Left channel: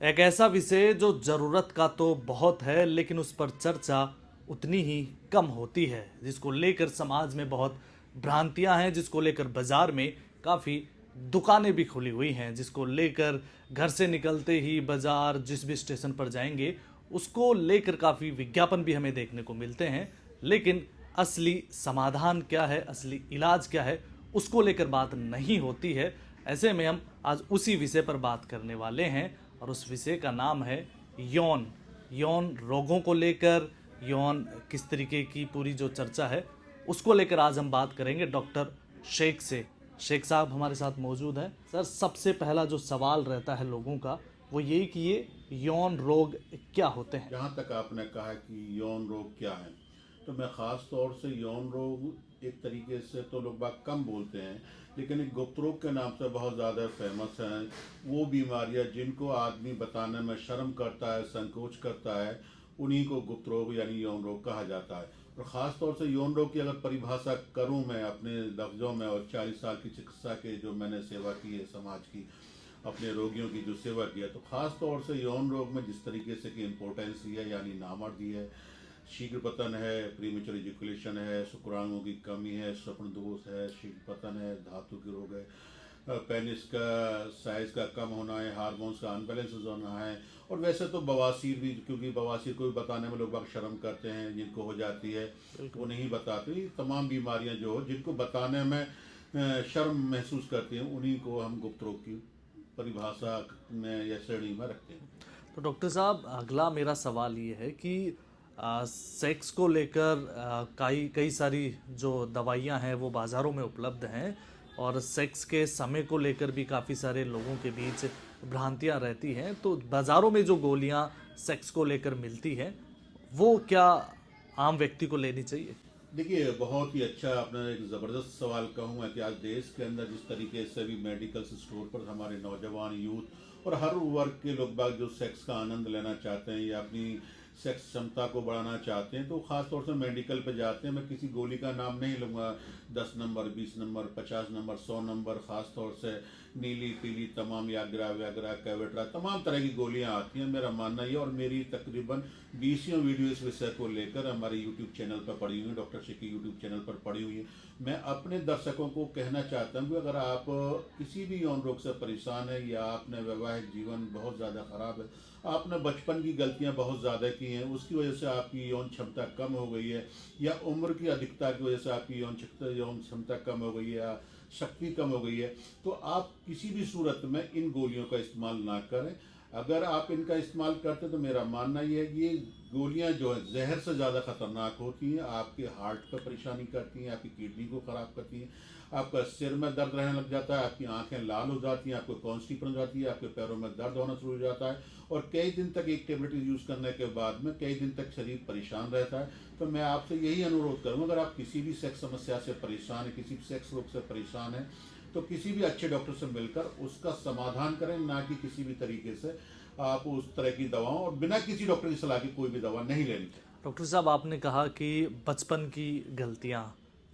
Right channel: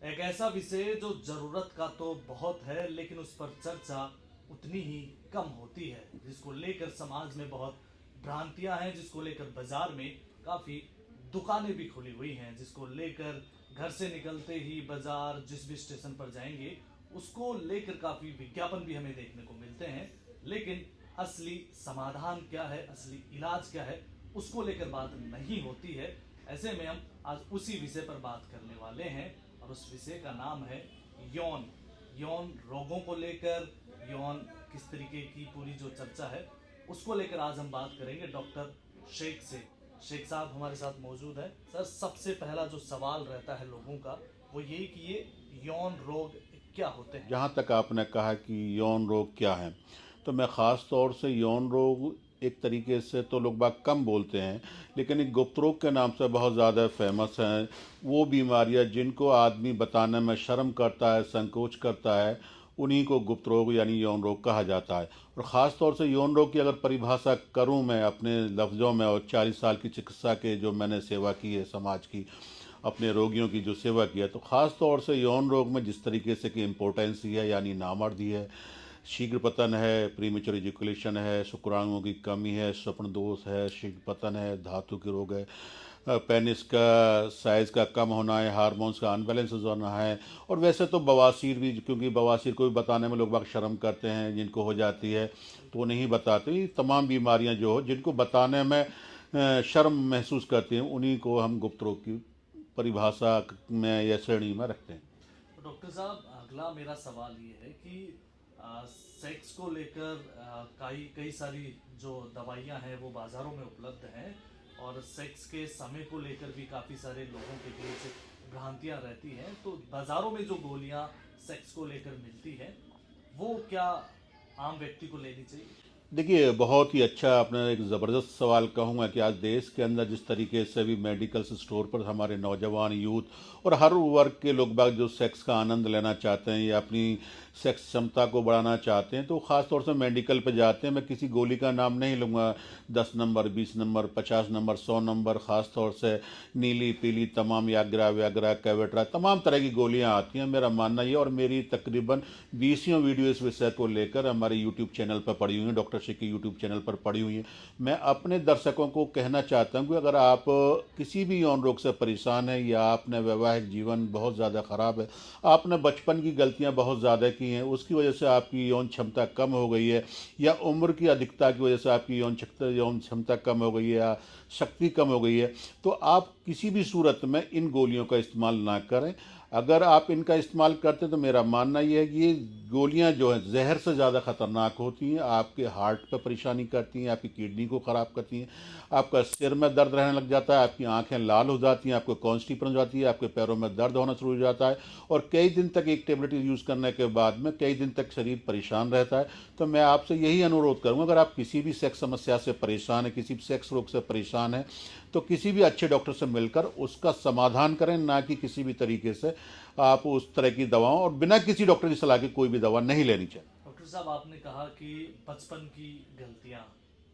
एक ऐसा विषय जो ज़रूरत का तो बहुत है लेकिन उस पर चर्चा उतनी ही कम होती है, जिसको लेकर समाज में बहुत भ्रांतियां हैं, जिसको लेकर बाजार में काफ़ी दुकानें भी खुली हुई हैं, जिसको लेकर घर से निकलते ही बाजार जिस भी स्टेशन पर जाएंगे उसको लेकर काफ़ी विज्ञापन भी हमें देखने को मिलते हैं। लेकिन असली समाधान क्या है, असली इलाज क्या है, उसको लेकर बात नहीं होती है। ऐसे में हम आज उसी विषय पर बात करने वाले हैं और उस विषय का नाम है यौन यौन रोगों को लेकर, यौन किस तरीके की पूरी जो चर्चा है उसको लेकर आज हम बात करेंगे डॉक्टर शेख से। शेख साहब हमारे साथ मौजूद हैं। सर, सबसे पहला जो सवाल रहता है लोगों का वो यही कि ये यौन रोग क्या होते हैं। जहाँ तक आपने कहा कि यौन रोग क्या है, तो मैं ख़ास तौर से यौन रोग एक तरीके से तो लोग बाग कम बोलते हैं, लेकिन एक गुप्त रोग के नाम से बहुत ज़्यादा फेमस हैं। वो बीमारियाँ जिनको आदमी बताने में शर्म करता है, संकोच करता है, उन्हीं को गुप्त रोग यानी यौन रोग कहा जाता है। और ख़ास तौर से यौन रोग की अगर परिभाषा करूं मैं अपने लफ्ज़ों में, और 40 साल की चिकित्सा के जो मैंने सेवा की है समाज की, अपने रोगियों की जो सेवा किया, तो ख़ास तौर से यौन रोग में जिस तरीके से कि इम्पोर्टेंसी है यानी नामर्दी है, शीघ्र पतन है, प्रीमेच्योर इजैकुलेशन है, शुक्राणुओं की कमी है, स्वप्न दोष है, शीघ्र पतन है, धातु के रोग है, पेनिस का साइज़ का कम होना है, हार्मोन्स का अनबैलेंस होना है। और वैसे तो बवासीर भी, क्योंकि बवासीर को भी बताने में लोग बाग शर्म करते हैं, जिनको हो जाती है तो वो नहीं बताते। ये तमाम बीमारियां जो हो जिनको बताने में शर्म महसूस करती हैं, उन्हीं को हम गुप्त रोग की परिभाषा में या श्रेणी में रखते हैं। तो डॉक्टर साहब, अगला मेरा सवाल ये है कि सेक्स को लेकर कई कई सारी जो दवाइयां हैं वो बाज़ारों में उपलब्ध हैं, और सेक्स के समय को लेकर भी काफ़ी सारे लोगों के बीच भ्रांतियां रहती हैं। तो बाज़ारों में जो गोलियां सेक्स को लेकर मिलती हैं वो क्या आम व्यक्ति को लेनी चाहिए। देखिए, बहुत ही अच्छा आपने एक ज़बरदस्त सवाल कहूँगा कि आज देश के अंदर जिस तरीके से भी मेडिकल स्टोर पर हमारे नौजवान यूथ और हर वर्ग के लोग बाग जो सेक्स का आनंद लेना चाहते हैं या अपनी सेक्स क्षमता को बढ़ाना चाहते हैं, तो ख़ास तौर से मेडिकल पर जाते हैं। मैं किसी गोली का नाम नहीं लूँगा, 10 नंबर, 20 नंबर, 50 नंबर, 100 नंबर, ख़ास तौर से नीली पीली तमाम याग्रा व्याग्रा कैवेट्रा तमाम तरह की गोलियां आती हैं। मेरा मानना ये, और मेरी तकरीबन 20 वीडियो इस विषय को लेकर हमारे यूट्यूब चैनल पर पड़ी हुई हैं, डॉक्टर शेख के यूट्यूब चैनल पर पड़ी हुई हैं। मैं अपने दर्शकों को कहना चाहता हूँ कि अगर आप किसी भी यौन रोग से परेशान है, या आपने वैवाहिक जीवन बहुत ज़्यादा ख़राब है, आपने बचपन की गलतियाँ बहुत ज़्यादा की हैं, उसकी वजह से आपकी यौन क्षमता कम हो गई है, या उम्र की अधिकता की वजह से आपकी यौन क्षमता कम हो गई है, या शक्ति कम हो गई है, तो आप किसी भी सूरत में इन गोलियों का इस्तेमाल ना करें। अगर आप इनका इस्तेमाल करते हैं तो मेरा मानना ये है कि ये गोलियां जो हैं ज़हर से ज़्यादा ख़तरनाक होती हैं, आपके हार्ट पर परेशानी करती हैं, आपकी किडनी को ख़राब करती हैं, आपका सिर में दर्द रहने लग जाता है, आपकी आंखें लाल हो जाती हैं, आपको कॉन्स्टिपेशन हो जाती है, आपके पैरों में दर्द होना शुरू हो जाता है, और कई दिन तक एक टेबलेट यूज़ करने के बाद में कई दिन तक शरीर परेशान रहता है। तो मैं आपसे यही अनुरोध करूँगा, अगर आप किसी भी सेक्स समस्या से परेशान है, किसी भी सेक्स रोग से परेशान है, तो किसी भी अच्छे डॉक्टर से मिलकर उसका समाधान करें, ना कि किसी भी तरीके से आप उस तरह की दवाओं, और बिना किसी डॉक्टर की सलाह के कोई भी दवा नहीं लेनी चाहिए। डॉक्टर साहब, आपने कहा कि बचपन की गलतियां,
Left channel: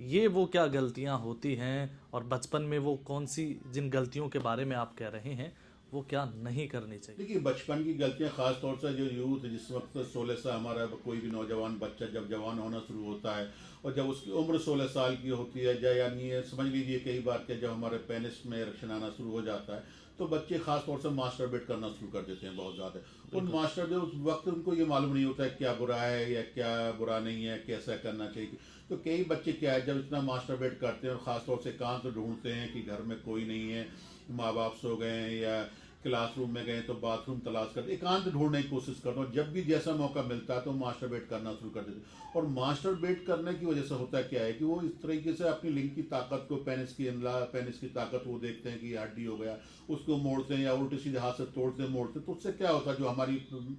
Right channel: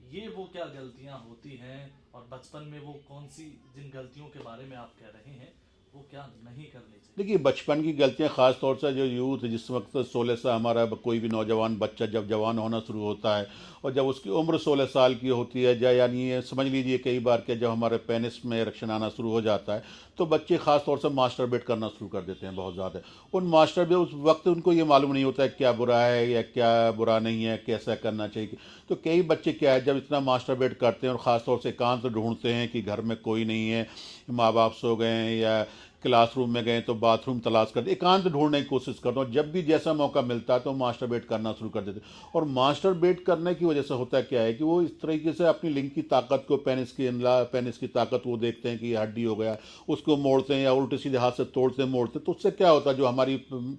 ये वो क्या गलतियां होती हैं, और बचपन में वो कौन सी जिन गलतियों के बारे में आप कह रहे हैं वो क्या नहीं करनी चाहिए। देखिए, बचपन की गलतियां, खास तौर से जो यूथ जिस वक्त 16 से हमारा कोई भी नौजवान बच्चा जब जवान होना शुरू होता है, और जब उसकी उम्र 16 साल की होती है, या यानी ये समझ लीजिए कई बार के जब हमारे पेनिस में इरेक्शन आना शुरू हो जाता है, तो बच्चे खास तौर से मास्टरबेट करना शुरू कर देते हैं बहुत ज़्यादा। उन बिल्कुल। मास्टरबेट उस वक्त उनको ये मालूम नहीं होता है क्या बुरा है या क्या बुरा नहीं है, कैसा करना चाहिए। तो कई बच्चे क्या है, जब इतना मास्टरबेट करते हैं और ख़ास तौर से एकांत ढूंढते हैं कि घर में कोई नहीं है, माँ बाप सो गए हैं, या क्लासरूम में गए तो बाथरूम तलाश करते, एकांत ढूंढने की कोशिश करता हूँ, जब भी जैसा मौका मिलता है तो मास्टरबेट करना शुरू कर देते। और मास्टरबेट करने की वजह से होता क्या है कि वो इस तरीके से अपनी लिंग की ताकत को, पेनिस की ताकत वो देखते हैं कि ये हड्डी हो गया, उसको मोड़ते हैं या उल्टे सीधे हाथ से तोड़ते मोड़ते, तो उससे क्या होता है, जो हमारी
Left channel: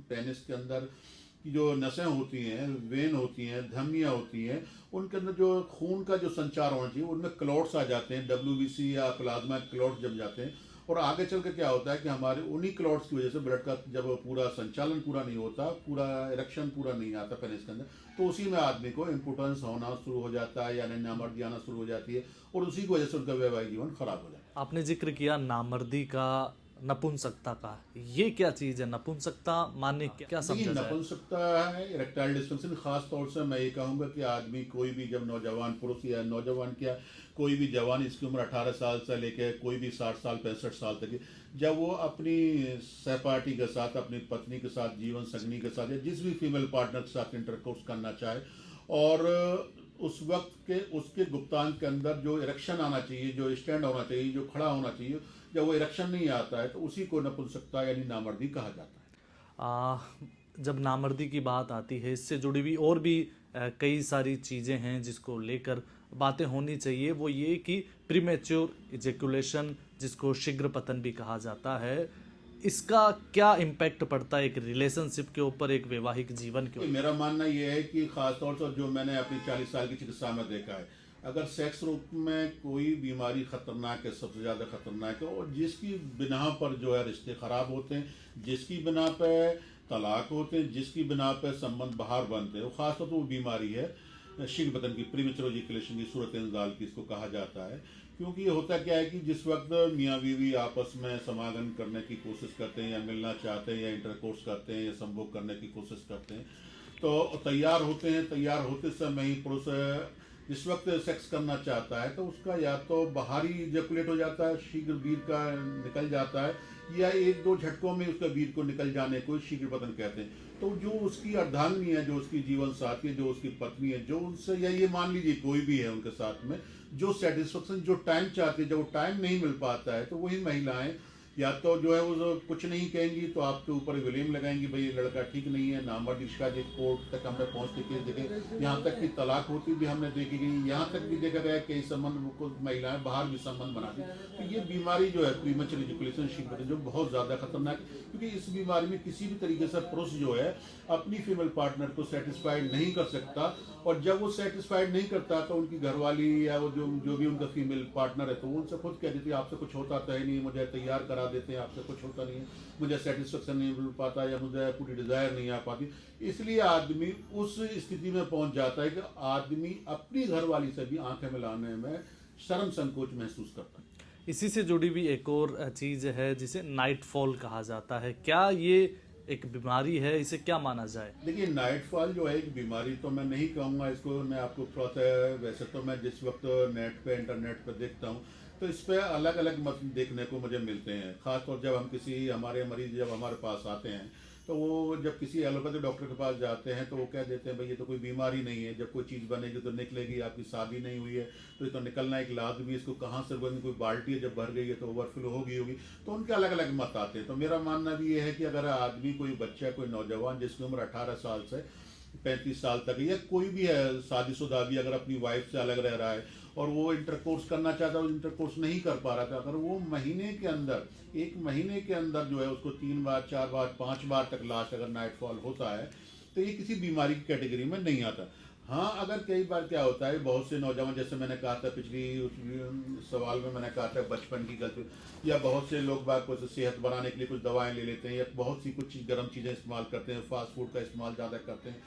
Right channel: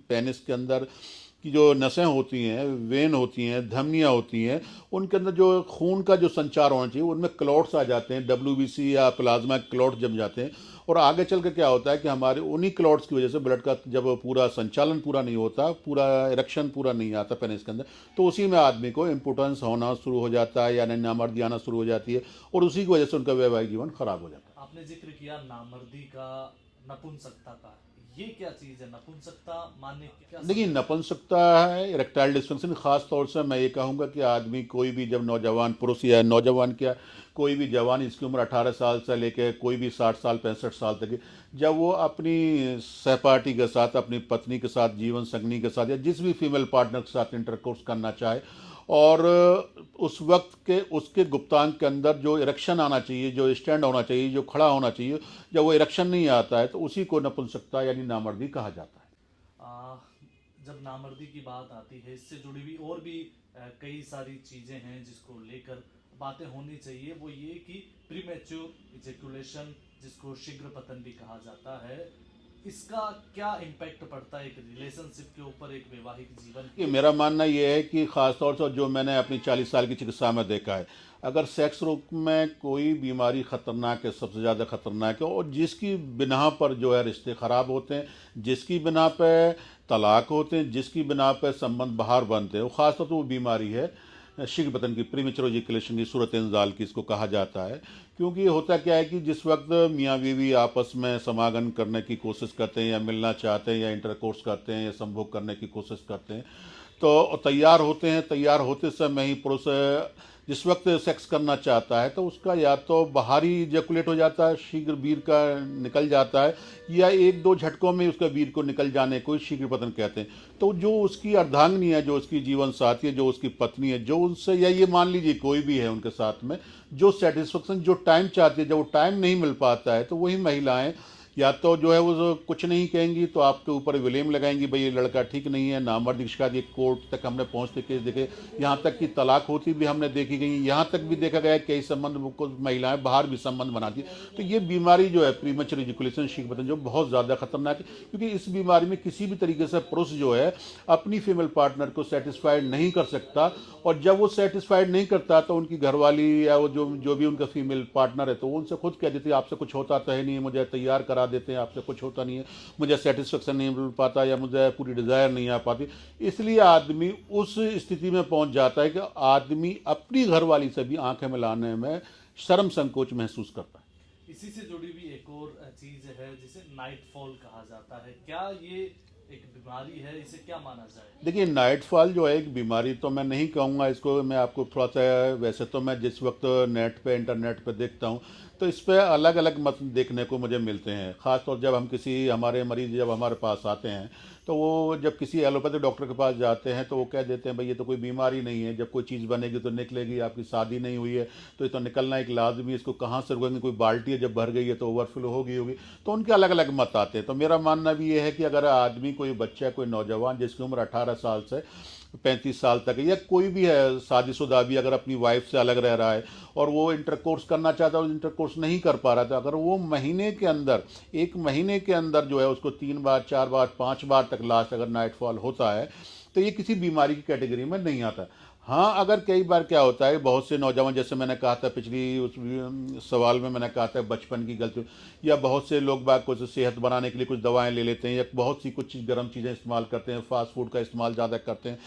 पेनिस के अंदर की जो नसें होती हैं, वेन होती हैं, धमनियाँ होती हैं, उनके अंदर जो खून का जो संचार होना चाहिए, उनमें क्लॉट्स आ जाते हैं, WBC या प्लाज्मा क्लॉट्स जम जाते हैं। और आगे चल के क्या होता है कि हमारे उन्हीं क्लॉट्स की वजह से ब्लड का जब पूरा संचालन पूरा नहीं होता, पूरा इरेक्शन पूरा नहीं आता पेनिस के अंदर, तो उसी में आदमी को इम्पोर्टेंस होना शुरू हो जाता है, यानी नामर्दी आना शुरू हो जाती है, और उसी की वजह से उनका वैवाहिक जीवन खराब हो जाता है। आपने जिक्र किया नामर्दी का, नपुंसकता का, ये क्या चीज़ है? नपुंसकता माने क्या देखिए, समझा जाए? नपुंसकता है इरेक्टाइल डिस्फंक्शन। खास तौर से मैं ये कहूँगा कि आदमी कोई भी जब नौजवान पुरुष या नौजवान क्या कोई भी जवान, इसकी उम्र 18 साल से लेकर कोई भी 60 साल 65 साल तक की, जब वो अपनी सहपाठी के साथ, अपनी पत्नी के साथ, जीवन संगनी के साथ या जिस भी फीमेल पार्टनर के साथ इंटरकोर्स करना चाहे, और उस वक्त के उसके गुप्तांग के अंदर जो इरेक्शन आना चाहिए, जो स्टैंड होना चाहिए, जो खड़ा होना चाहिए, जब वो इरेक्शन नहीं आता है तो उसी को नपुंसकता यानी नामर्दी कहा जाता है। आ, जब नामर्दी की बात आती है, इससे जुड़ी हुई और भी कई सारी चीज़ें हैं जिसको लेकर बातें होनी चाहिए। वो ये कि प्रीमेच्योर इजेकुलेशन, जिसको शीघ्र पतन भी कहा जाता है, इसका क्या इम्पैक्ट पड़ता है एक रिलेशनशिप के ऊपर, एक वैवाहिक जीवन के कि ऊपर? मेरा मानना ये है कि ख़ास तौर से जो मैंने अपनी 40 साल की चिकित्सा में देखा है, अगर सेक्स रूप में कोई बीमारी खतरनाक है, सबसे ज़्यादा खतरनाक है, और जिसकी बिना पर जो है रिश्ते ख़राब होते हैं, जिसकी बिना पे तलाक होते हैं, जिसकी बिना पे संबंध बाहर बनते हैं, वो ख़ास तौर पर वो बीमारी है शीघ्र पतन की, प्रीमेच्योर इजैकुलेशन की, सूरत इंजाल की इसको कहा जाता है। क्योंकि होता क्या है कि जिस वक्त मियाँ बीवी आपस में समागम करने की कोशिश करते हैं, या मिलना चाहते हैं, या इंटरकोर्स करते हैं, या संभोग करने की कोशिश करते हैं, तो तैयार होते हैं, तैयार होते समय ही पुरुष जिस वक्त सेक्स करना चाहता है तो उसका या तो बाहरी इजैकुलेट हो जाता है, शीघ्र वीर का निकल जाता है, या एक दो झटकों में उसका वीर को निकल जाने को शीघ्र पतन कहते हैं। तो जो उसकी अर्धांगिनी है, जो उसकी जीवन साथी है, जो उसकी पत्नी है, जो उनसे, या ये मान लीजिए कोई भी है उनके साथ में, जो सेटिस्फेक्शन, जो टाइम चाहती है, जब वो टाइम नहीं मिल पाता है तो वही महिलाएं या तो जो है वो कुछ नहीं कहेंगी, तो आपके ऊपर विलेम लगाएंगी, भाई ये लड़का ठीक नहीं है, नामर्दी की शिकायत, ये कोर्ट तक हमने पहुंचते केस देखे, यहाँ तक कि तलाक होती भी हमने देखी गई, यहाँ तक भी देखा गया कई संबंध को महिलाएं बाहर भी संबंध बनाती। तो ये बीमारी जो है प्रीमेच्योर इजैकुलेशन शीघ्र पतन, जो बहुत ज़्यादा खतरनाक है, क्योंकि इस बीमारी में किसी भी तरीके से पुरुष जो है अपनी फीमेल पार्टनर को सेटिस्फाइड नहीं कर सकता, और जब वो सेटिस्फाइड नहीं करता तो उनकी घरवाली या वो जो जो भी उनका फीमेल पार्टनर है, तो वो उनसे खुद कह देती है आपसे कुछ होता तो है नहीं, मुझे तैयार करा देते हैं, आपसे कुछ होता नहीं है, मुझे सेटिस्फेक्शन नहीं मिल पाता, या मुझे पूरी डिज़ायर नहीं आ पाती। इसलिए आदमी उस स्थिति में पहुंच जाता है कि आदमी अपनी घरवाली से भी आंखें मिलाने में शर्म संकोच महसूस करता है। इसी से जुड़ी हुई एक और चीज़ है जिसे नाइट फॉल कहा जाता है। क्या ये एक बीमारी है? इसे क्या माना जाए? देखिए, नाइटफॉल जो है एक बीमारी तो मैं नहीं कहूँगा इसको, मैं आपको थोड़ा सा, वैसे तो मैं जिस वक्त नेट पे इंटरनेट पे देखता हूँ तो इस पे अलग अलग मत देखने को मुझे मिलते हैं। ख़ासतौर जब हम किसी हमारे मरीज जब हमारे पास आते हैं तो वो जब किसी एलोपैथिक डॉक्टर के पास जाते हैं तो वो कह देते हैं भाई ये तो कोई बीमारी नहीं है, जब कोई चीज़ बनेगी तो निकलेगी, आपकी शादी नहीं हुई है तो ये तो निकलना एक लाजमी, इसको कहाँ से रुकेंगे, कोई बाल्टी है जब भर गई है तो ओवरफ्लो होगी। तो उनके अलग अलग मत आते हैं। तो मेरा मानना भी ये है कि अगर आदमी, कोई बच्चा, कोई नौजवान जिसकी उम्र 18 साल से 35 साल तक है, या कोई भी है शादीशुदा भी, अगर अपनी वाइफ से अलग रह रहा है और वो इंटरकोर्स करना चाहता है और इंटरकोर्स नहीं कर पा रहा था, अगर वो महीने के अंदर, एक महीने के अंदर जो है उसको 3 बार 4 बार 5 बार तक लास्ट अगर नाइटफॉल होता है तो ये किसी बीमारी की कैटेगरी में नहीं आता। हाँ, अगर कई बार क्या होता है, बहुत से नौजवान, जैसे मैंने कहा था पिछली उस सवाल में मैंने कहा था बचपन की गलती, या बहुत से लोग बाग कुछ सेहत बनाने के लिए कुछ दवाएं ले लेते हैं, या बहुत सी कुछ गर्म चीज़ें इस्तेमाल करते हैं, फास्ट फूड का इस्तेमाल ज़्यादा करते हैं,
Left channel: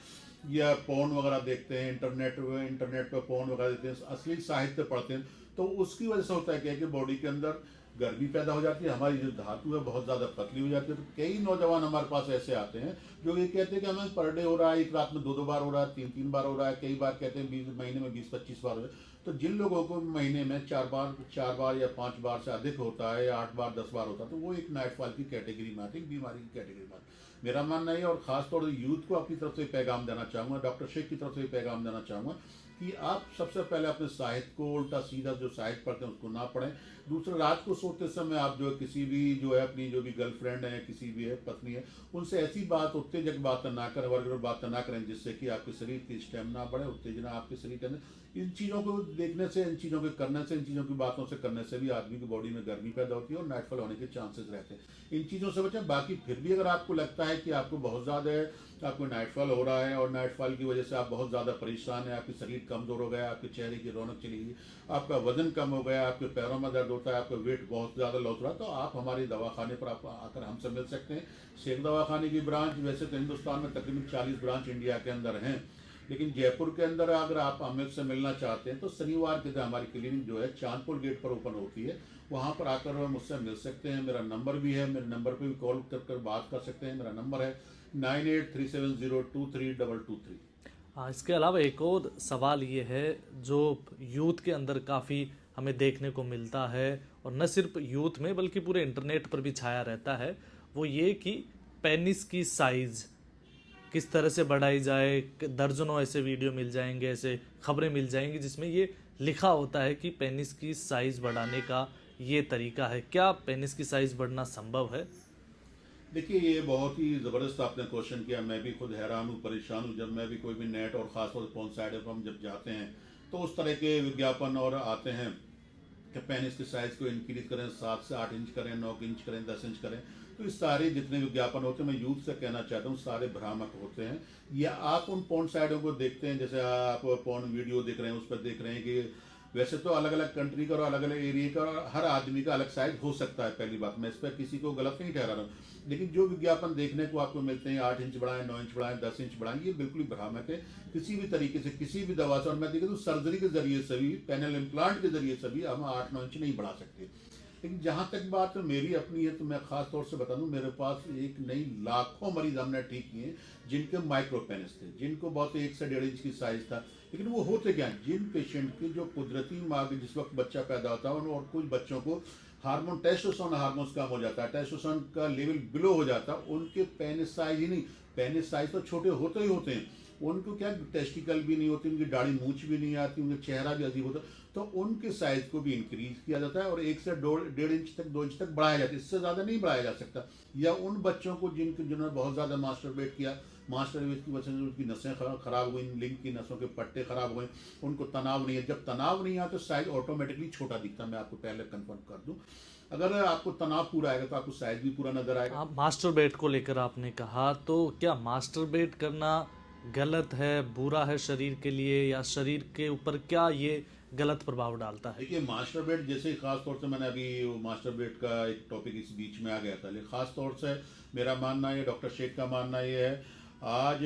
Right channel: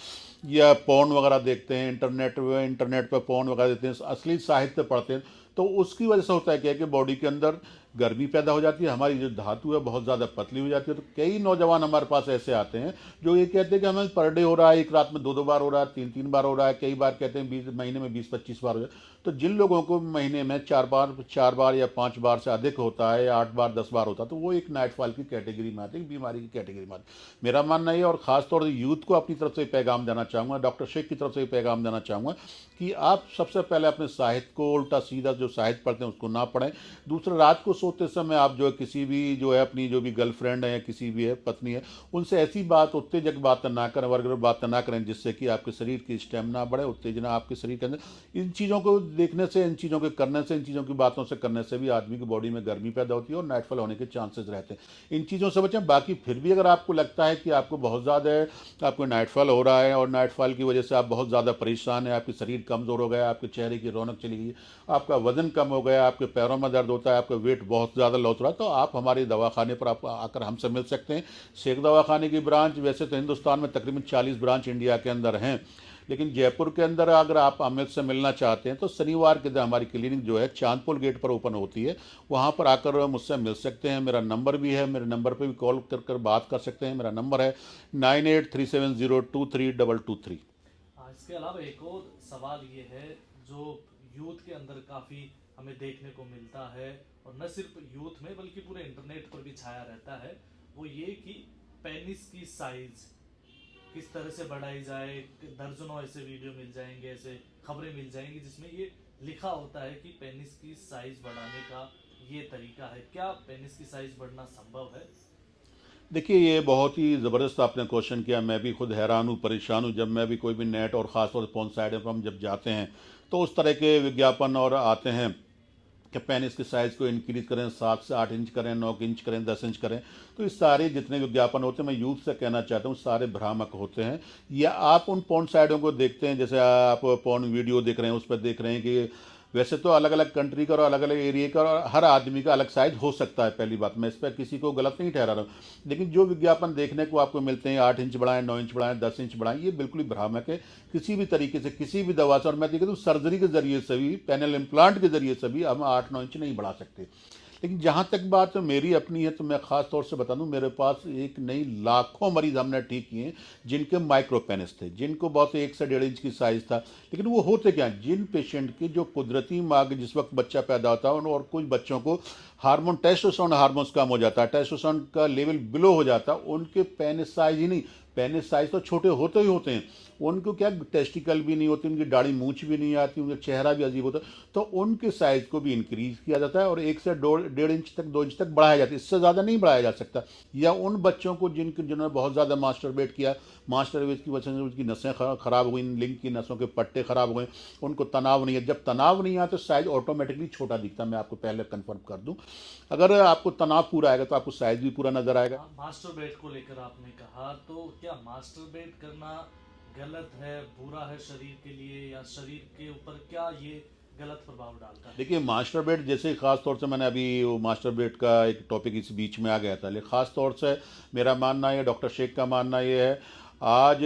या पोर्न वगैरह देखते हैं, इंटरनेट पर पोर्न वगैरह देखते हैं, असली साहित्य पढ़ते हैं। तो उसकी वजह से होता है क्या है कि बॉडी के अंदर गर्मी पैदा हो जाती है, हमारी जो धातु है बहुत ज़्यादा पतली हो जाती है। तो कई नौजवान हमारे पास ऐसे आते हैं जो ये कहते हैं कि हमें पर डे हो रहा है, एक रात में 2-2 बार हो रहा है, 3-3 बार हो रहा है, कई बार कहते हैं 20 महीने में 20-25 बार हो जाए। तो जिन लोगों को महीने में 4 बार या 5 बार से अधिक होता है, या 8 बार 10 बार होता है, तो वो एक नाइटफॉल की कैटेगरी में आते हैं, बीमारी की कैटेगरी में आते हैं। मेरा मानना है, और ख़ासतौर से यूथ को अपनी तरफ से पैगाम देना चाहूँगा, डॉक्टर शेख की तरफ से पैगाम देना चाहूँगा कि आप सबसे पहले अपने साहित्य को, उल्टा सीधा जो साहित्य पढ़ते हैं उसको ना पढ़ें। दूसरा, रात को सोते समय आप जो है किसी भी जो है अपनी जो भी गर्लफ्रेंड है या किसी भी है पत्नी है, उनसे ऐसी बात, उत्तेजक बात ना करें, वर्गर बात ना करें जिससे कि आपके शरीर की स्टेमिना बढ़े, उत्तेजना आपके शरीर के अंदर। इन चीज़ों को देखने से, इन चीज़ों के करने से, इन चीज़ों की बातों से करने से भी आदमी की बॉडी में गर्मी पैदा होती है और नाइटफॉल होने के चांसेस रहते हैं। इन चीज़ों से बचें। बाकी फिर भी अगर आपको लगता है कि आपको बहुत ज़्यादा आपको नाइटफॉल हो रहा है और नाइटफॉल की वजह से आप बहुत ज़्यादा परेशान हैं, आपके शरीर कमज़ोर हो गया, आपके चेहरे की रौनक चली गई, आपका वजन कम हो गया, आपके पैरों में दर्द होता है, आपका वेट बहुत ज़्यादा लॉस हो रहा है, तो आप हमारे दवाखाने पर आप आकर हमसे मिल सकते हैं। शेख दवाखाने की ब्रांच, वैसे तो हिंदुस्तान में तकरीबन 40 ब्रांच इंडिया के अंदर हैं, लेकिन जयपुर के अंदर अगर आप अमित से मिलना चाहते हैं तो शनिवार के दिन हमारी क्लिनिक जो है चांदपुर गेट पर ओपन होती है, वहाँ पर आकर मुझसे मिल सकते हैं। मेरा नंबर भी है, मेरे नंबर पे भी कॉल कर कर बात कर सकते हैं। मेरा नंबर है 9837023223। हाँ, इसके अलावा एक और सवाल ये है जो यूथ के अंदर काफ़ी हमें देखने को मिलता है, और न सिर्फ यूथ में बल्कि पूरे इंटरनेट पर भी छाया रहता है, वो ये कि पेनिस की साइज़ किस तरह से बढ़ाई जाए। दर्जनों ऐसे वीडियो मिल जाएंगे, ऐसे खबरें मिल जाएंगी जिसमें ये लिखा होता है कि पेनिस की साइज़ बढ़ाने का ये तरीका है। क्या पेनिस की साइज़ बढ़ना संभव है? देखिए, ये बहुत ही ज़बरदस्त आपने क्वेश्चन किया। मैं भी खुद हैरान हूँ, परेशान हूँ। जब मैं भी कोई भी नेट और ख़ासतौर से फ़ोन साइड पर हम जब जाते हैं तो उस तरह के विज्ञापन और आते हैं कि पेनिस की साइज़ को इंक्रीज करें, 7 से 8 इंच करें, 9 इंच करें, 10 इंच करें। तो ये सारे जितने विज्ञापन होते हैं, मैं यूथ से कहना चाहता हूँ, सारे भ्रामक होते हैं। या आप उन पोर्न साइटों को देखते हैं, जैसे आप पोर्न वीडियो देख रहे हैं, उस पर देख रहे हैं कि वैसे तो अलग अलग कंट्री का और अलग अलग एरिया का और हर आदमी का अलग साइज हो सकता है। पहली बात, मैं इस पर किसी को गलत नहीं ठहरा रहा हूँ, लेकिन जो विज्ञापन देखने को आपको मिलते हैं 8 इंच बढ़ाएं, 9 इंच बढ़ाएं, 10 इंच बढ़ाएं, ये बिल्कुल ही भ्रामक है। किसी भी तरीके से, किसी भी दवा से, और मैं देखा तो सर्जरी के जरिए से भी, पेनल इम्प्लांट के जरिए से भी हम 8-9 इंच नहीं बढ़ा सकते। लेकिन जहाँ तक बात मेरी अपनी है, तो मैं ख़ास तौर से बता दूं, मेरे पास एक नहीं लाखों मरीज हमने ठीक किए हैं जिनके माइक्रो पेनिस थे, जिनको बहुत 1 से 1.5 इंच की साइज़ था। लेकिन वो होते क्या, जिन पेशेंट की जो कुदरती माँ के जिस वक्त बच्चा पैदा होता है, और कुछ बच्चों को हार्मोन, टेस्टोस्टेरोन हार्मोन्स कम हो जाता है, टेस्टोस्टेरोन का लेवल बिलो हो जाता है, उनके पेनिस साइज ही नहीं, पेनिस साइज तो छोटे होते ही होते हैं, उनको क्या टेस्टिकल भी नहीं होती, उनकी दाढ़ी मूछ भी नहीं आती, उनका चेहरा भी अजीब होता है, तो उनके साइज को भी इंक्रीज किया जाता है और 1 से 1.5 इंच तक, 2 इंच तक बढ़ाया जाता है। इससे ज़्यादा नहीं बढ़ाया जा सकता। या उन बच्चों को जिन्होंने बहुत ज़्यादा मास्टरबेट किया, मास्टरबेट की वजह से उनकी नसें खराब हो गई, लिंग की नसों के पट्टे खराब हो गए, उनको तनाव नहीं है। जब तनाव नहीं आता तो साइज ऑटोमेटिकली छोटा दिखता है। मैं आपको पहले कन्फर्म कर दूँ, अगर आपको तनाव पूरा आएगा तो आपको साइज भी पूरा नजर आएगा। आप मास्टरबेट को लेकर आपने कहा, तो क्या मास्टरबेट करना गलत है, बुरा है शरीर के लिए, या शरीर के ऊपर क्या ये गलत प्रभाव डालता है? देखिए, मास्टरबेट जैसे खास तौर से, मैंने अभी वो मास्टरबेट का एक टॉपिक इस बीच में आ गया था, लेकिन खास तौर से मेरा मानना है, डॉक्टर शेख का मानना ये है, आज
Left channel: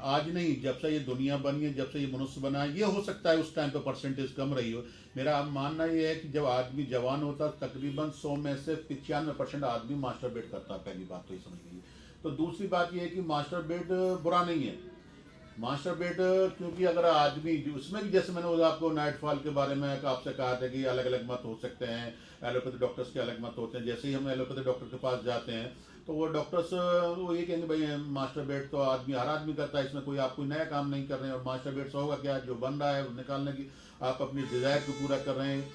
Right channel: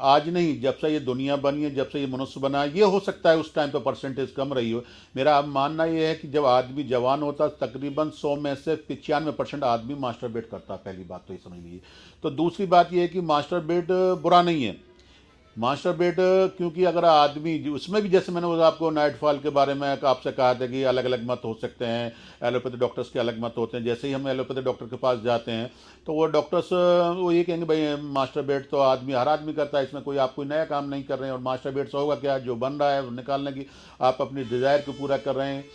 आज नहीं, जब से ये दुनिया बनी है, जब से ये मनुष्य बना है, ये हो सकता है उस टाइम पे परसेंटेज कम रही हो। मेरा मानना ये है कि जब आदमी जवान होता है, तकरीबन 100 में से 95% आदमी मास्टरबेट करता है। पहली बात तो ये समझ लीजिए। तो दूसरी बात ये है कि मास्टरबेट बुरा नहीं है। मास्टरबेट, क्योंकि अगर आदमी उसमें भी, जैसे मैंने वो आपको नाइटफॉल के बारे में आपसे कहा था कि अलग अलग मत हो सकते हैं, एलोपैथी डॉक्टर्स के अलग मत होते हैं। जैसे ही हम एलोपैथी डॉक्टर के पास जाते हैं तो वो डॉक्टर्स वो ये कहेंगे, भाई मास्टरबेट तो आदमी, हर आदमी करता है, इसमें कोई आप कोई नया काम नहीं कर रहे हैं, और मास्टरबेट से होगा क्या, जो बन रहा है वो निकालने की, आप अपनी डिज़ायर को पूरा कर रहे हैं।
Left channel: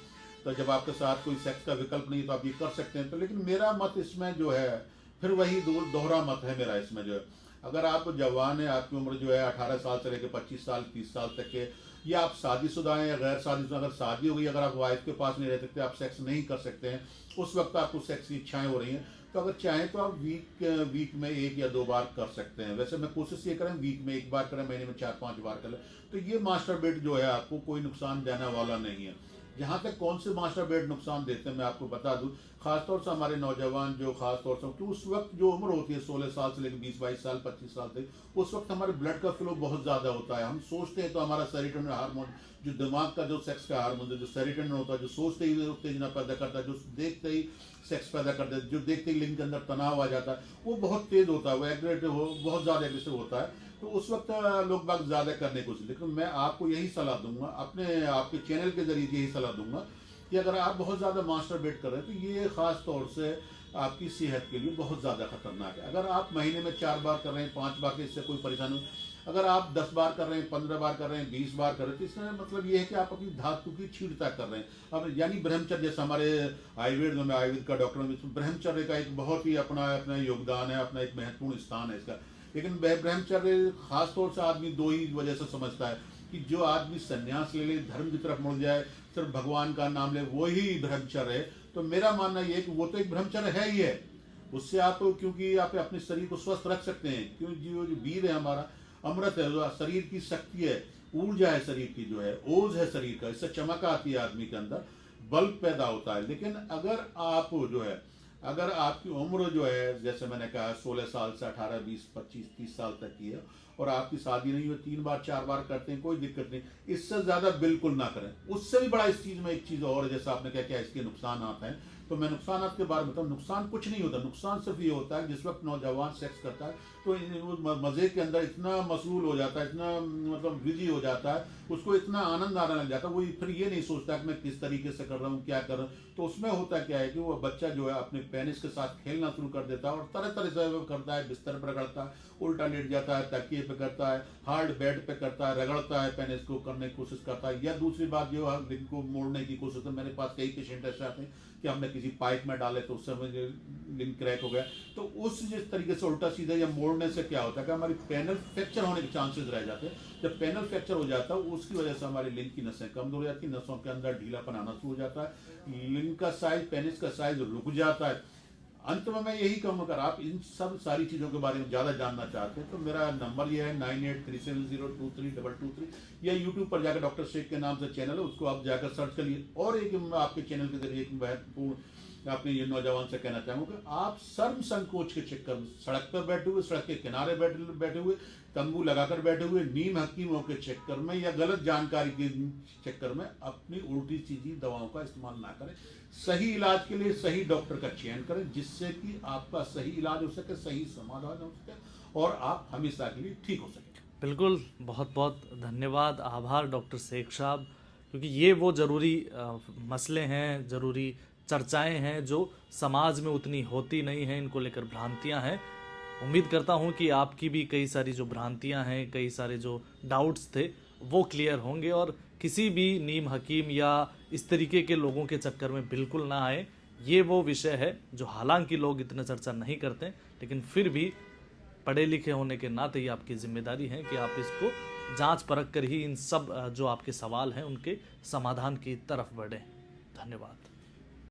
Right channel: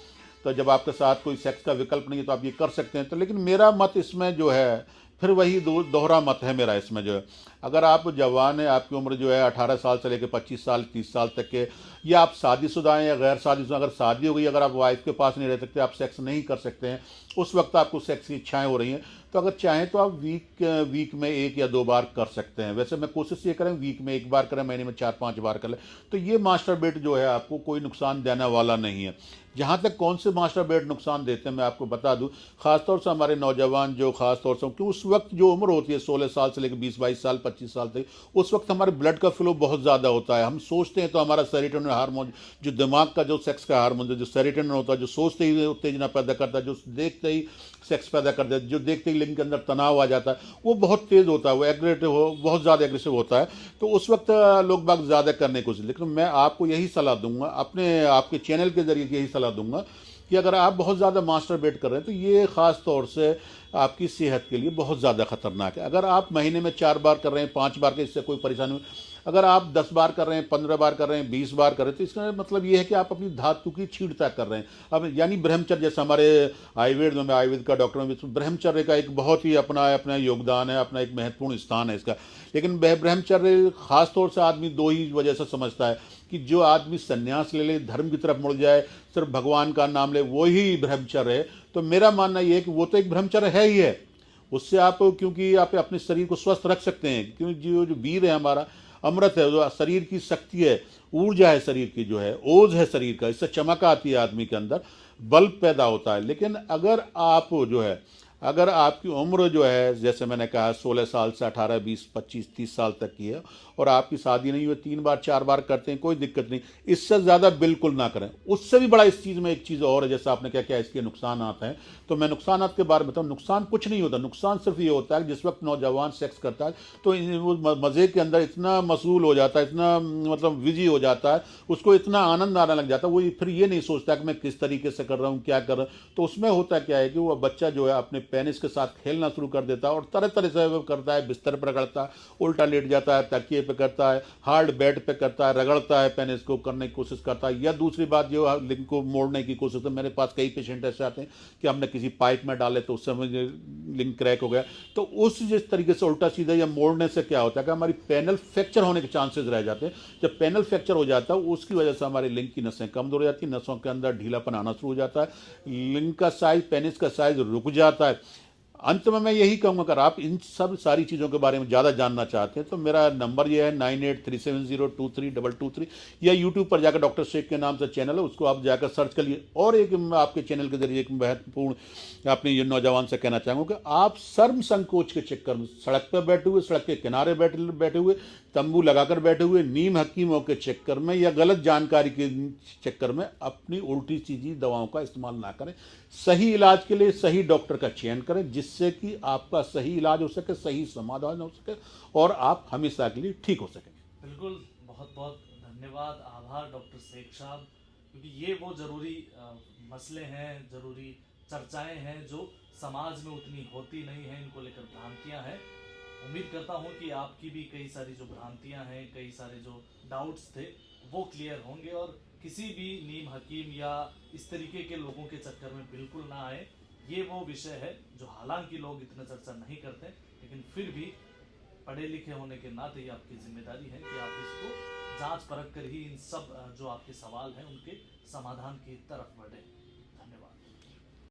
तो जब आपके साथ कोई सेक्स का विकल्प नहीं है तो आप ये कर सकते हैं। तो लेकिन मेरा मत इसमें जो है, फिर वही दोहरा मत है मेरा इसमें जो है, अगर आप जवान हैं, आपकी उम्र जो है 18 साल से लेकर 25 साल 30 साल तक के, या आप शादीशुदा हैं या गैर शादीशुदा, अगर शादी हो गई, अगर आप वाइफ के पास नहीं रह सकते, आप सेक्स नहीं कर सकते हैं, उस वक्त आपको सेक्स की इच्छाएं हो रही हैं, तो अगर चाहें तो आप वीक में 1 या 2 बार कर सकते हैं। वैसे मैं कोशिश ये करें वीक में 1 बार करें, महीने में 4-5 बार कर लें, तो ये मास्टरबेट जो है आपको कोई नुकसान देने वाला नहीं है। जहाँ तक कौन से मास्टरबेट नुकसान देते हैं मैं आपको बता दूं, खासतौर से हमारे नौजवान जो खासतौर से, कि उस वक्त जो उम्र होती है 16 साल से लेकर 20-22 साल 25 साल तक, उस वक्त हमारे ब्लड का फ्लो बहुत ज़्यादा होता है। हम सोचते हैं तो हमारा सेरोटोनिन हार्मोन, जो दिमाग का जो सेक्स का हार्मोन है, जो सेरोटोनिन होता है, जो सोचते ही उत्तेजना पैदा करता है, जो देखते ही सेक्स पैदा करता है, जो देखते ही लिंग के अंदर तनाव आ जाता है, वो बहुत तेज़ होता है, वो एग्रेसिव हो, बहुत ज़्यादा एग्रेसिव होता है। तो उस वक्त लोग बाग ज़्यादा करने की कोशिश, लेकिन मैं आपको यही सलाह दूंगा, अपने आपके चैनल के जरिए यही सलाह दूंगा कि अगर आप बहुत ज़्यादा मास्टरबेट कर रहे हैं तो ये ख़ास तौर से आपकी सेहत के लिए बहुत ज़्यादा खतरनाक है। अगर आप महीने में 4 बार कर रहे हैं, 5 बार के, इससे कोई परेशानी नहीं। अगर आप 10 बार कर रहे हैं, 15 बार कर रहे हैं, 20 बार कर रहे हैं, तो इसका मतलब ये है कि आप अपनी धातु की छीड़ता कर रहे हैं। अब यानी ब्रह्मचर्य, जैसे हमारे आयुर्वेद में, मैं आयुर्वेद का डॉक्टर हूँ, ब्रह्मचर्य का एक बहुत ही अपना अपना योगदान है, अपना एक महत्वपूर्ण स्थान है इसका। लेकिन वह ब्रह्मचर्य खास तौर से आदमी 2 ही वजह से समझता है, कि जो आदमी संन्यास ले ले, धर्म की तरफ मुड़ जाए, सिर्फ भगवान का नाम ले, वो ही ब्रह्मचर्य है। तो मेरा मानना ये है कि वो तो एक ब्रह्मचर्य है ही है, उससे आप, क्योंकि आप अपने शरीर को स्वस्थ रख सकते हैं, क्योंकि जो जो वीर है हमारा, अमृत है, जो शरीर की शक्ति है, ऊर्जा है शरीर की, जो है ओज है शरीर का, इससे चमक आती है आदमी के अंदर, बल पैदा होता है। लेकिन अगर आप जो है, अगर आपकी उम्र जो है जैसे मैंने कहा 16 साल से 18, 20, 25, 30 साल तक की है और आपकी शादी नहीं हुई, 3 बार 4 बार करते हैं, कोई दिक्कत नहीं। इससे ज़्यादा बिल्कुल ना करें। उससे भी बड़ा इस चीज़ में एक चीज़ और है, जैसे आपने क्या क्या इसके नुकसानात हैं, तो मैं नुकसानात के बारे में बताऊँ। नुकसान कुछ नहीं होता, नुकसान सिर्फ ये होता है कि जिस वक्त नौजवान सेक्स करता है तो वो मज़े के अंदर इतना मशगूल हो जाता है, इतना मतलब बिजी हो जाता है, उसको इतना आनंद आने लग जाता है, वो फिर ये नहीं सोचता कि मैं किस तरीके से कर रहा हूँ, क्या कर रहा हूँ। तो उसमें होता क्या है कि वो बच्चा जो है अपने पेनिस के साथ खेलना शुरू कर देता है और तरह तरह से वो करता है, बिस्तर पर रगड़ता है, उल्टा लेट जाता है, तकिए पे करता है, हार्ड बेड पे करता है, रगड़ता है, पेनिस को करने की कोशिश करता है। या दूसरी बात जो है लिंक को मोड़ने की कोशिश, तो मेरे पास कई पेशेंट ऐसे आते हैं कि हमने किसी पाइप में डाले तो उस समय लिंक क्रैक हो गया। तो उस जिस तरीके से उल्टा सीधा या मोड़ने से क्या होता है कि हमारी पैनल फ्रैक्चर होने के चांसेस रह जाते हैं। जब पैनल फ्रैक्चर हो जाता है उसकी वजह से हमारी लिंक की नसें कमजोर हो जाती है, नसों के अंदर ढीलापन आना शुरू हो जाता है, लिंक का साइज, पेनिस का साइज रुक जाता है। अंत में मैं यही कहूँगा, अगर आप इन सब सारी चीज़ों के बारे में ज़्यादा जानना चाहते हैं तो मेरा नंबर ये है 9837023223, या यूट्यूब पर जाकर डॉक्टर शेख के नाम से चैनल है, उसको आप जाकर सर्च कर लिए। और एक मैं आपके चैनल के जरिए एक महत्वपूर्ण अपने ये नौजवान से कहना चाहूँगा कि आप शर्म संकोच के चक्कर में सड़क पर बैठे हुए, सड़क के किनारे बैठे हुए, तंबू लगाकर बैठे हुए, नीम हकीमों के चक्कर में या गलत जानकारी के चक्कर में अपनी उल्टी सीधी दवाओं का इस्तेमाल ना करें। सही इलाज के लिए सही डॉक्टर का चयन करें, जिससे कि आपका सही इलाज हो सके, सही समाधान हो सके और आप हमेशा के लिए ठीक हो सकें। बिल्कुल, बहुत बहुत धन्यवाद, आभार डॉक्टर शेख साहब, क्योंकि ये वो ज़रूरी मसले हैं, ज़रूरी चर्चाएं हैं जो समाज में उतनी होती नहीं हैं, इनको लेकर भ्रांतियां हैं। उम्मीद करता हूं कि आपकी भी कई सारी जो भ्रांतियां हैं, कई सारे जो डाउट्स थे वो क्लियर होंगे और किसी भी नीम हकीम या इस तरीके के लोगों के चक्कर में बिल्कुल ना आए। ये वो विषय है जो हालांकि लोग इतना चर्चा नहीं करते, लेकिन फिर भी पढ़े लिखे होने के नाते ये आपकी जिम्मेदारी है कि आप इसको जांच परख कर ही इन सब जो आपके सवाल हैं उनके समाधान की तरफ बढ़ें। धन्यवाद।